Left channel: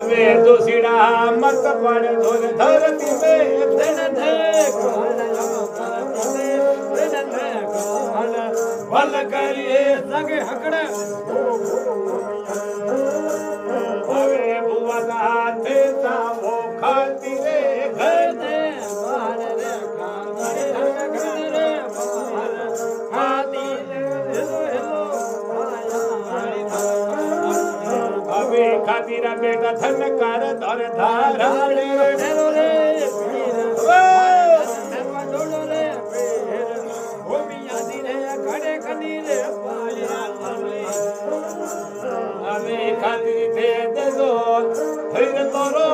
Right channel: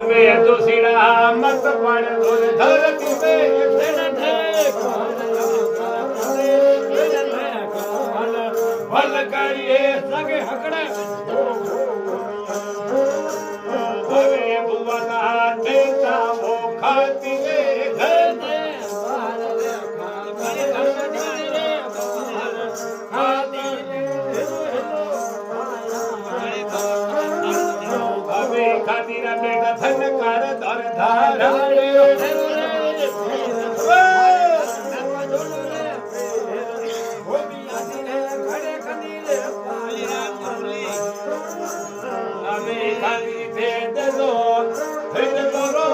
वे दोषीड़ा मत पण धोर धरती में धन धे भल करिए संगे हकड़ अरे बुआ देता वो खाती रे घर दे खातीरा बेटा धन कर धर धाराड़े हमें खाती थे दो फिर तो रो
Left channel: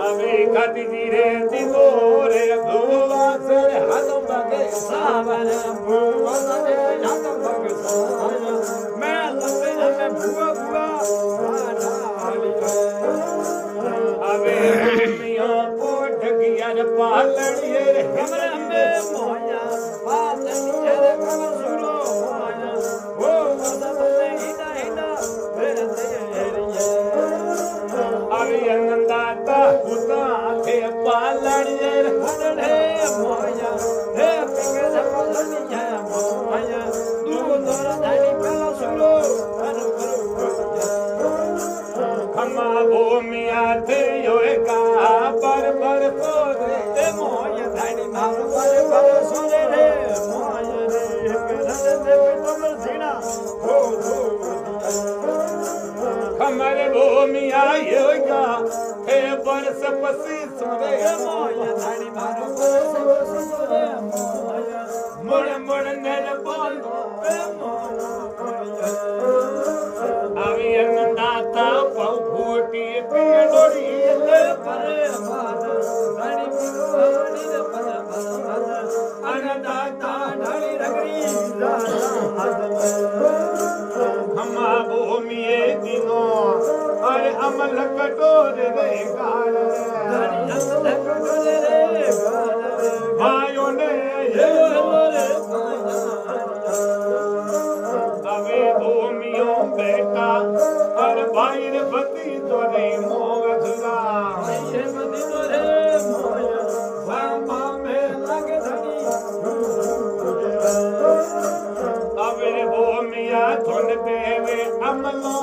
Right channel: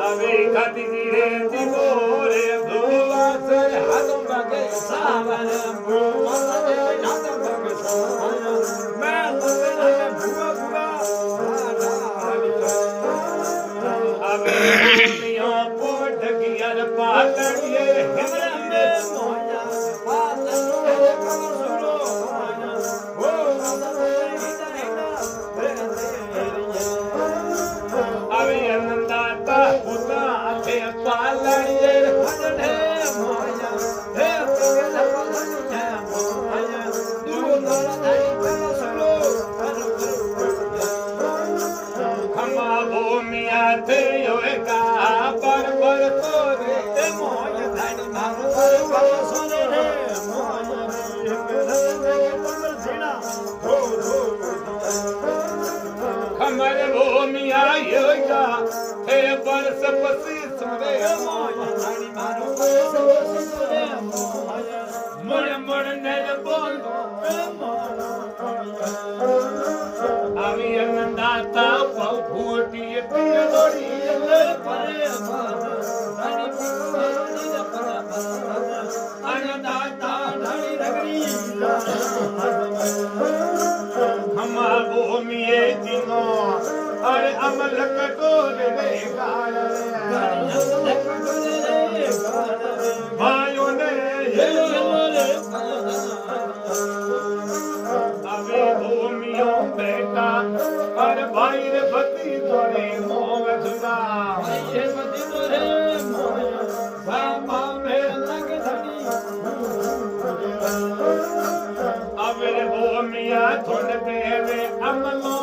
हमें खाती रे दिनो रे धुआ से हाथों बगे सावरे हाथों बगे मैं बुआ बुआ हमें मियों पोट गियर पालड़िए हमरे हमें मोया पालड़िए कमर सुरो वो हिदा हिदा अभी अनंदाता पुता थे पालड़िए हदड़े मोया हे पगल पालड़िए मोया दूर धारी पला सुरो खमा भूमिया थे योगा पर तोरे मोया धारी मारो पर सोने रे मोया रे मेरे कमर सीना हो खमर भूमिया योगा हे बरस पसी सुरे मोया धारी मारो पर सोने मोया मुड़ मुड़ नर बोल आमी अन्नदाता बहु फूटी पियलोड़ी परे मान धनी पियलोड़ी परे मान अन्नदाता धनी रगड़ी हमा भूमिये दिनो अरे अमल कटोर रे गाल भाइयों ने अबे भूमियों बेटा अरे भाई रे बती तोरे मोह धुरा ये बती तोरे मोया बाबा में लग धनी अबे भूमिया थोन तेरे अमलो